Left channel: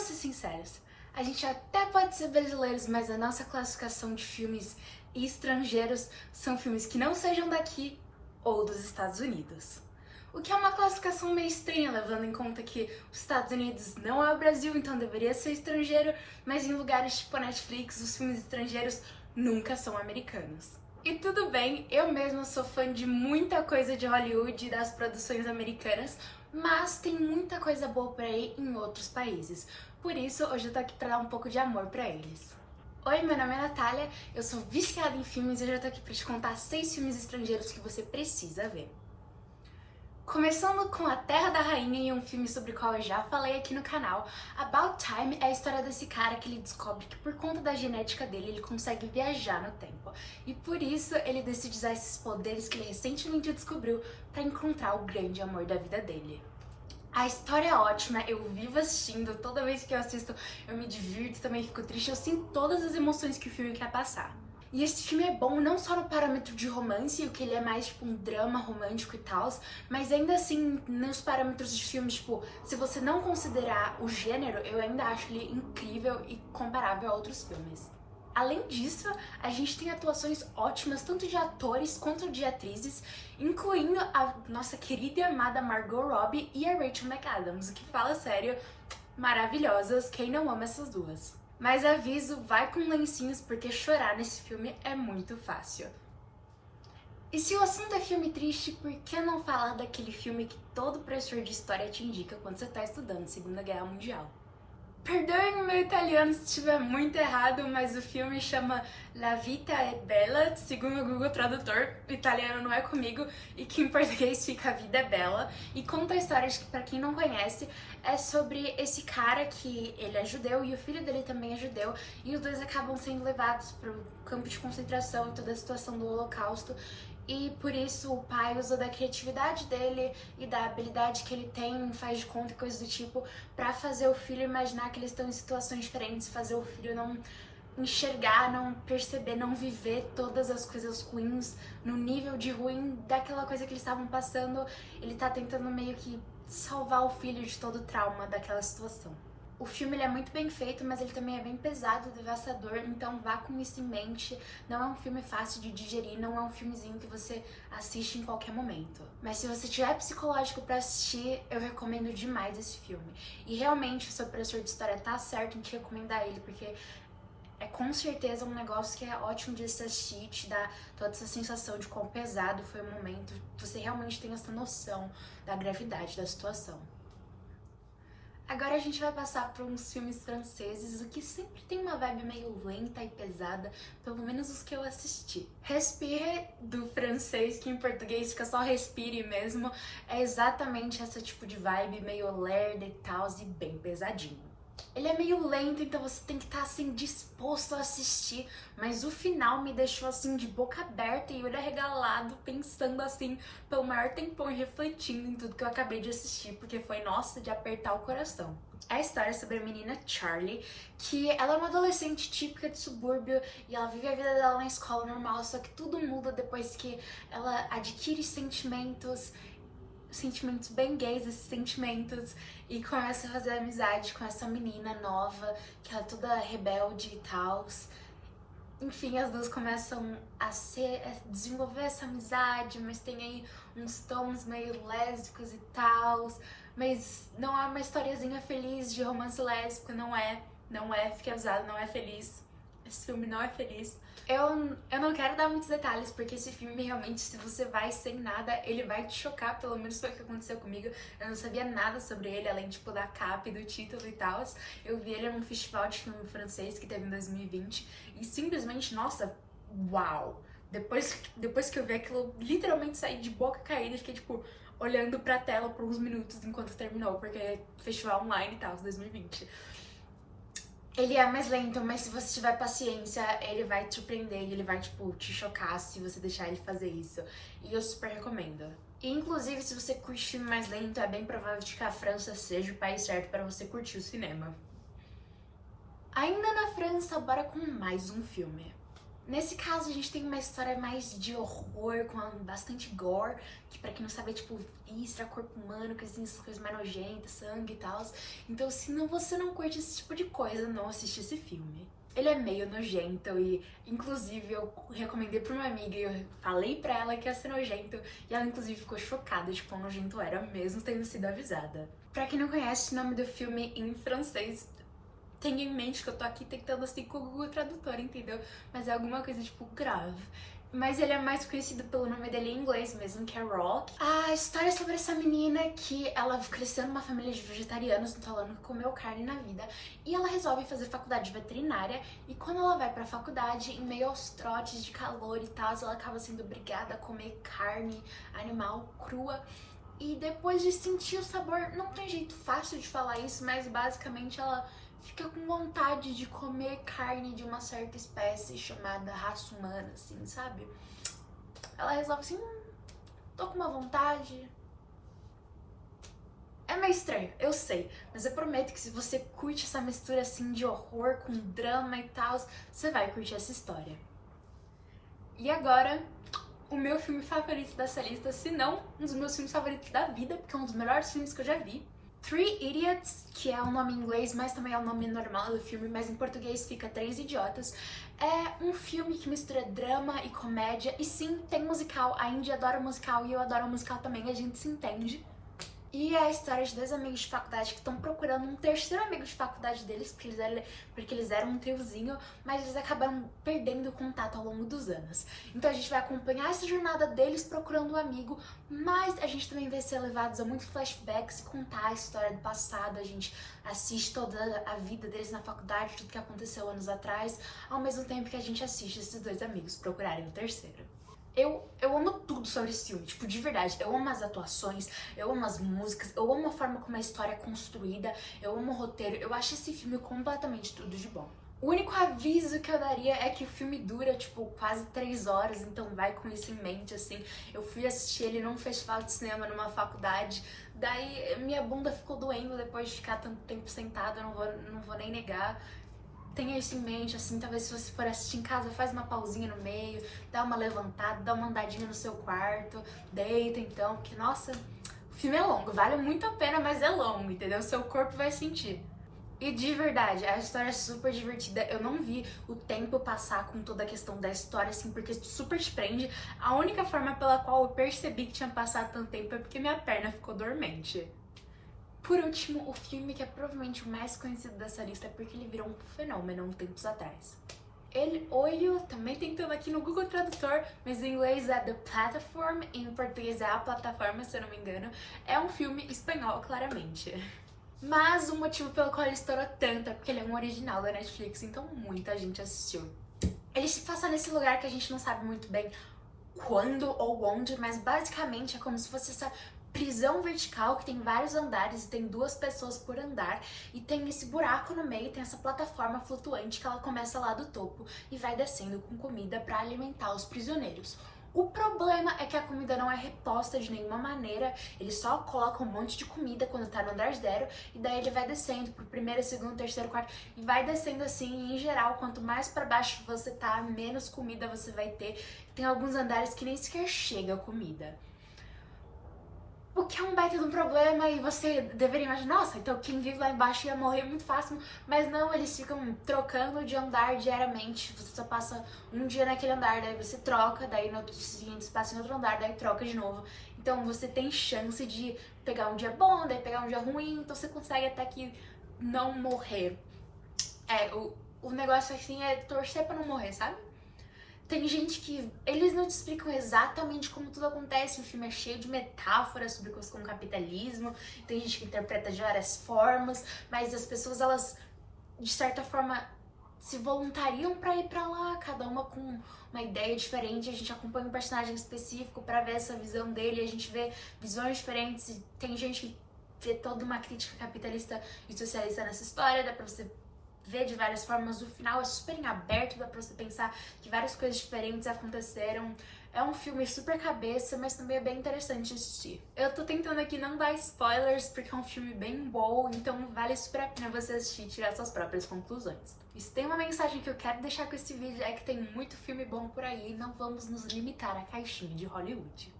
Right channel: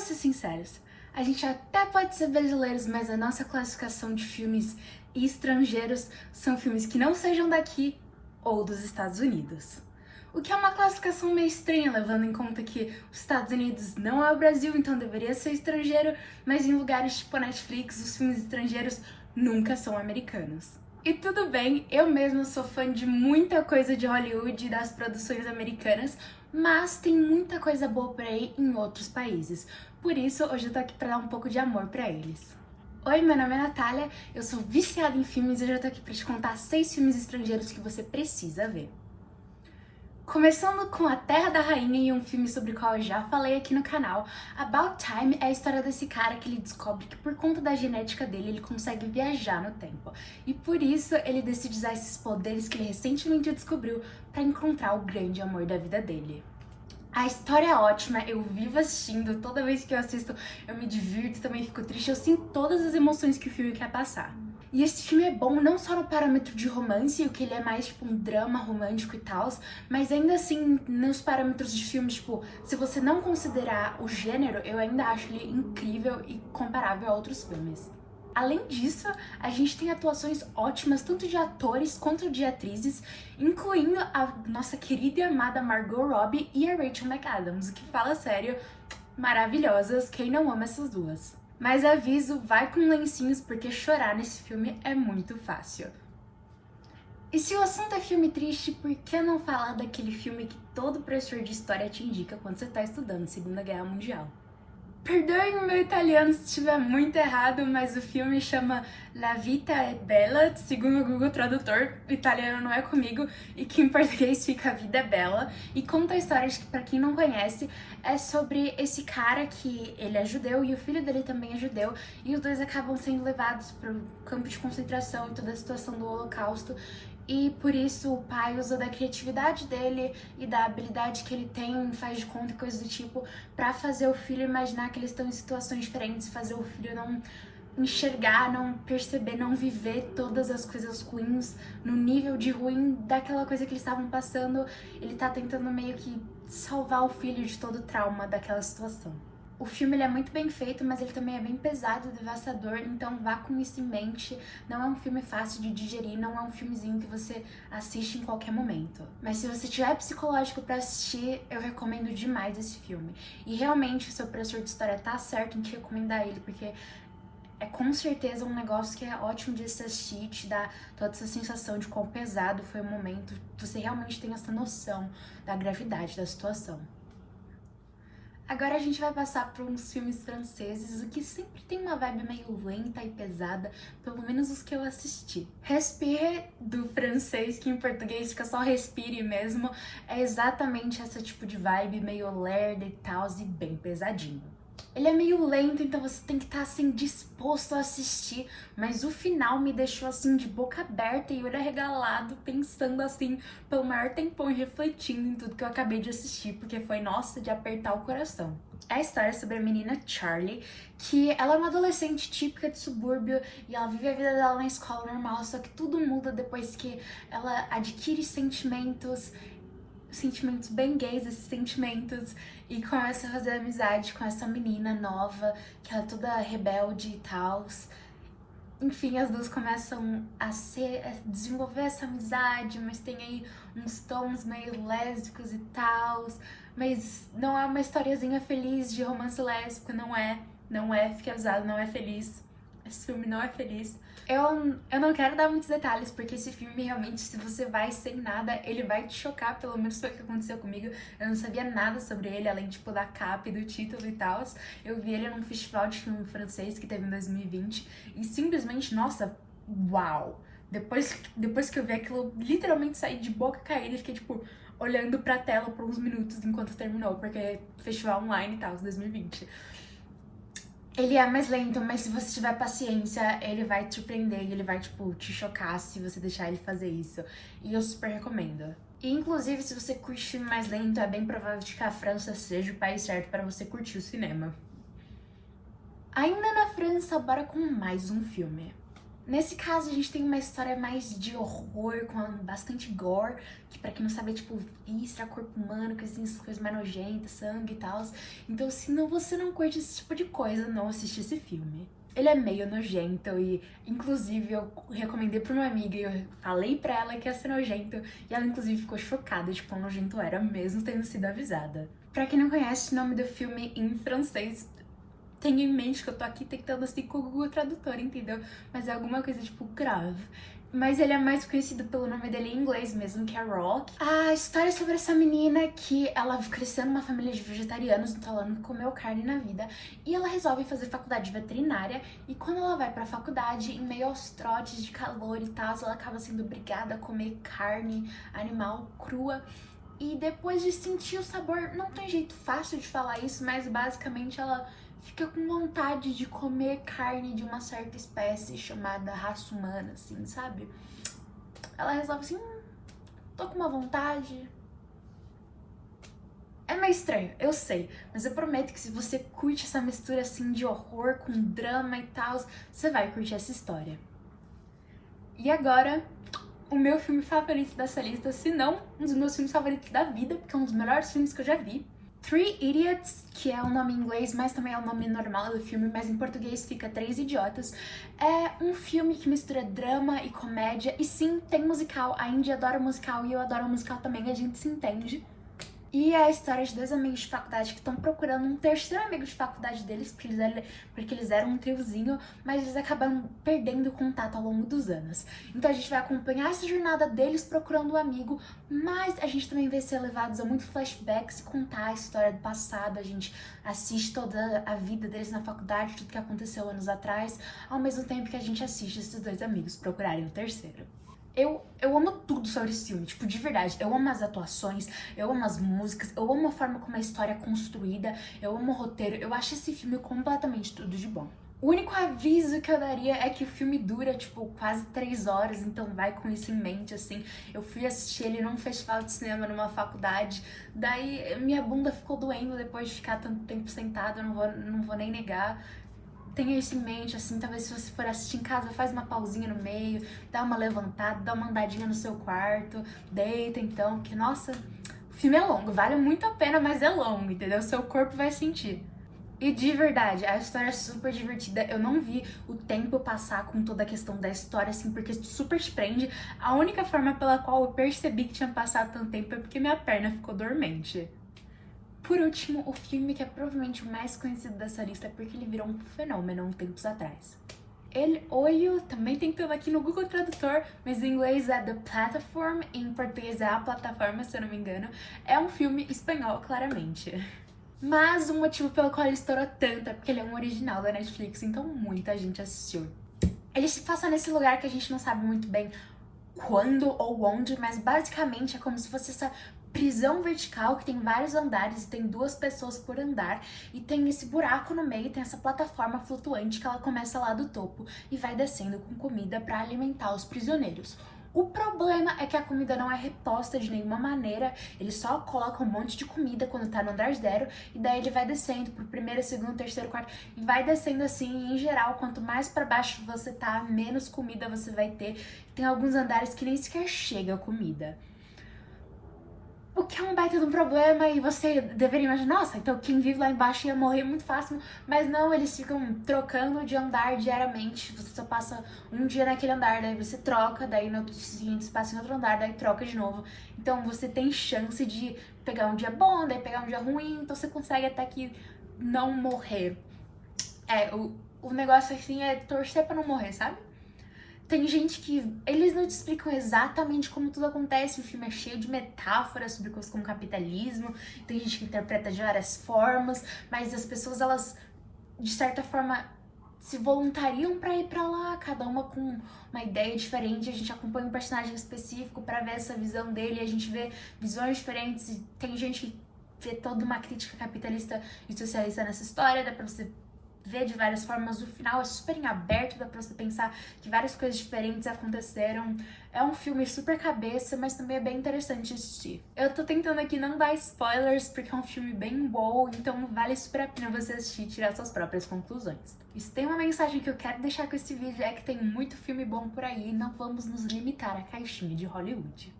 Vamos ser sinceros, a gente até pode ser brasileiros, mas a nossa classificação de filmes estrangeiros são filmes que não sejam daqui ou dos Estados Unidos. O que é uma classificação meio estranha, levando em conta que os Estados Unidos não é o Brasil, então deveria ser estrangeiro, mas em lugares tipo a Netflix, os filmes estrangeiros nunca são americanos. E tudo bem, eu mesma sou fã de muita coisa de Hollywood e das produções americanas, mas tem muita coisa boa por aí em outros países. Por isso, hoje eu tô aqui pra dar um pouco de amor pra eles. Oi, meu nome é Natália, eu sou viciada em filmes e hoje eu tô aqui pra te contar 6 filmes estrangeiros que você precisa ver. Começando com A Terra da Rainha e um filme sobre o qual eu já falei aqui no canal. About Time é a história desse cara que ele descobre que por conta da genética dele ele consegue viajar no tempo. E por isso ele decide usar esses poderes que ele recentemente descobriu para encontrar o grande amor da vida dele. A história é ótima, eu vivo assistindo, toda vez que eu assisto eu me divirto, também fico triste, eu sinto todas as emoções que o filme quer passar. E esse filme é bom não só no parâmetro de romance, o que ele é mais tipo um drama romântico e tal, mas ainda assim nos parâmetros de filmes, tipo, se você não considerar o gênero, eu ainda acho ele incrível e comparável a outros filmes. Além disso, a gente tem atuações ótimas, tanto de atores quanto de atrizes, incluindo a nossa querida e amada Margot Robbie e a Rachel McAdams, o que fala sério, maravilhosas, quem não ama essas duas. Mas aviso, vai com lencinhos porque chorar nesse filme é muito fácil. E se o assunto é filme triste, por que não falar daquele filme que todo professor de história te indica quando você está estudando Segunda Guerra Mundial? Perdoem o meu italiano se estiver muito errado, mas o filme chama La Vita è Bella, segundo o Google Tradutor, o italiano não é comigo, e que em português fica A Vida é Bela, e conta a história de que, pra quem não conhece, é sobre esse cara que ele é judeu e o filho dele também é judeu, e os dois acabam sendo levados pro campo de concentração e toda a situação do Holocausto, e por isso o pai usa da criatividade dele e da habilidade que ele tem, faz de conta e coisas do tipo, pra fazer o filho imaginar que eles estão em situações diferentes, fazer o filho não enxergar, não perceber, não viver todas as coisas ruins no nível de ruim daquela coisa que eles estavam passando. Ele tá tentando meio que salvar o filho de todo o trauma daquela situação. O filme ele é muito bem feito, mas ele também é bem pesado e devastador, então vá com isso em mente. Não é um filme fácil de digerir, não é um filmezinho que você assiste em qualquer momento. Mas se você tiver psicológico pra assistir, eu recomendo demais esse filme. E realmente o seu professor de história tá certo em te recomendar ele, porque é com certeza um negócio que é ótimo de se assistir, te dá toda essa sensação de quão pesado foi o momento, você realmente tem essa noção da gravidade da situação. Agora a gente vai passar por uns filmes franceses, o que sempre tem uma vibe meio lenta e pesada, pelo menos os que eu assisti. Respire, do francês, que em português fica só respire mesmo, é exatamente esse tipo de vibe, meio lerda e tal, e bem pesadinho. Ele é meio lento, então você tem que estar assim disposto a assistir, mas o final me deixou assim de boca aberta e olho arregalado, pensando assim pelo maior tempão e refletindo em tudo que eu acabei de assistir, porque foi, nossa, de apertar o coração. É a história sobre a menina Charlie, que ela é uma adolescente típica de subúrbio e ela vive a vida dela na escola normal, só que tudo muda depois que ela adquire sentimentos bem gays, esses sentimentos, e começa a fazer amizade com essa menina nova, que ela é toda rebelde e tal. Enfim, as duas começam a desenvolver essa amizade, mas tem aí uns tons meio lésbicos e tal, mas não é uma historiazinha feliz de romance lésbico, não é, fique avisado, não é feliz. Esse filme não é feliz. Eu não quero dar muitos detalhes, porque esse filme realmente, se você vai sem nada, ele vai te chocar, pelo menos foi o que aconteceu comigo. Eu não sabia nada sobre ele, além tipo da capa e do título e tal. Eu vi ele num festival de filme francês que teve em 2020 e simplesmente, nossa, uau! Depois que eu vi aquilo, literalmente saí de boca caída e fiquei tipo olhando pra tela por uns minutos enquanto terminou, porque é festival online e tal, 2020. Ele é mais lento, mas se você tiver paciência, ele vai te surpreender e ele vai, tipo, te chocar se você deixar ele fazer isso. E eu super recomendo. E, inclusive, se você curte filme mais lento, é bem provável de que a França seja o país certo para você curtir o cinema. Ainda na França, bora com mais um filme. Nesse caso, a gente tem uma história mais de horror, com bastante gore, que pra quem não sabe é tipo víscera, corpo humano, que assim, essas coisas mais nojentas, sangue e tal. Então, se você não curte esse tipo de coisa, não assiste esse filme. Ele é meio nojento e, inclusive, eu recomendei pra uma amiga e eu falei pra ela que ia ser nojento e ela, inclusive, ficou chocada de quão nojento era, mesmo tendo sido avisada. Pra quem não conhece o nome do filme em francês, tenha em mente que eu tô aqui tentando assim com o Google Tradutor, entendeu? Mas é alguma coisa tipo grave. Mas ele é mais conhecido pelo nome dele em inglês mesmo, que é Rock. A história é sobre essa menina que ela cresceu numa família de vegetarianos, então ela nunca comeu carne na vida. E ela resolve fazer faculdade de veterinária. E quando ela vai pra faculdade, em meio aos trotes de calor e tal, ela acaba sendo obrigada a comer carne animal crua. E depois de sentir o sabor, não tem jeito fácil de falar isso, mas basicamente ela fica com vontade de comer carne de uma certa espécie chamada raça humana, assim, sabe? Ela resolve assim, tô com uma vontade. É meio estranho, eu sei, mas eu prometo que se você curte essa mistura assim de horror com drama e tal, você vai curtir essa história. E agora, o meu filme favorito dessa lista, se não um dos meus filmes favoritos da vida, porque é um dos melhores filmes que eu já vi. Three Idiots, que é o nome em inglês, mas também é o nome normal do filme, mas em português fica Três Idiotas. É um filme que mistura drama e comédia, e sim, tem musical. A Indy adora musical e eu adoro musical também, a gente se entende. E é a história de dois amigos de faculdade que estão procurando um terceiro amigo de faculdade deles, porque eles eram um triozinho, mas eles acabaram perdendo o contato ao longo dos anos. Então a gente vai acompanhar essa jornada deles procurando um amigo, mas a gente também vai ser levados a muitos flashbacks e contar a história do passado. A gente assiste toda a vida deles na faculdade, tudo que aconteceu anos atrás, ao mesmo tempo que a gente assiste esses dois amigos procurarem o terceiro. Eu amo tudo sobre esse filme, tipo, de verdade. Eu amo as atuações, eu amo as músicas, eu amo a forma como a história é construída, eu amo o roteiro. Eu acho esse filme completamente tudo de bom. O único aviso que eu daria é que o filme dura, tipo, quase 3 horas, então vai com isso em mente, assim. Eu fui assistir ele num festival de cinema, numa faculdade, daí minha bunda ficou doendo depois de ficar tanto tempo sentada, eu não vou nem negar. Tenha isso em mente, assim, talvez se você for assistir em casa, faz uma pausinha no meio, dá uma levantada, dá uma andadinha no seu quarto, deita então, porque, nossa, o filme é longo, vale muito a pena, mas é longo, entendeu? Seu corpo vai sentir. E de verdade, a história é super divertida, eu não vi o tempo passar com toda a questão da história, assim, porque super te prende. A única forma pela qual eu percebi que tinha passado tanto tempo é porque minha perna ficou dormente. Por último, o filme que é provavelmente o mais conhecido dessa lista porque ele virou um fenômeno há uns tempos atrás. Eu também tentando aqui no Google Tradutor, mas em inglês é The Platform, em português é A Plataforma, se eu não me engano. É um filme espanhol, claramente. Mas o motivo pelo qual ele estourou tanto é porque ele é um original da Netflix, então muita gente assistiu. Ele se passa nesse lugar que a gente não sabe muito bem quando ou onde, mas basicamente é como se fosse essa prisão vertical que tem vários andares e tem 2 pessoas por andar e tem esse buraco no meio, tem essa plataforma flutuante que ela começa lá do topo e vai descendo com comida para alimentar os prisioneiros. O problema é que a comida não é reposta de nenhuma maneira, ele só coloca um monte de comida quando tá no andar 0 e daí ele vai descendo pro primeiro, segundo, terceiro, quarto e vai descendo assim, e em geral, quanto mais para baixo você tá, menos comida você vai ter. Tem alguns andares que nem sequer chega a comida. O que é um baita de um problema e você deveria imaginar, nossa, então quem vive lá embaixo ia morrer muito fácil, mas não, eles ficam trocando de andar diariamente, você só passa um dia naquele andar, daí você troca, daí no outro seguinte você passa em outro andar, daí troca de novo. Então você tem chance de pegar um dia bom, daí pegar um dia ruim, então você consegue até que não morrer. O negócio assim é torcer pra não morrer, sabe? Tem gente que eles não te explicam exatamente como tudo acontece, o filme é cheio de metáforas sobre coisas como capitalismo, tem gente que interpreta de várias formas, mas as pessoas, elas, de certa forma, se voluntariam pra ir pra lá, cada uma com uma ideia diferente, a gente acompanha um personagem específico pra ver essa visão dele, a gente vê visões diferentes, e tem gente que vê toda uma crítica capitalista e socialista nessa história, dá pra você vê de várias formas, o final é super em aberto, dá pra você pensar que várias coisas diferentes aconteceram. É um filme super cabeça, mas também é bem interessante assistir. Eu tô tentando aqui não dar spoilers, porque é um filme bem bom, então vale super a pena você assistir e tirar suas próprias conclusões. E se tem uma mensagem que eu quero deixar com esse vídeo é que tem muito filme bom por aí, não vamos nos limitar à caixinha de Hollywood.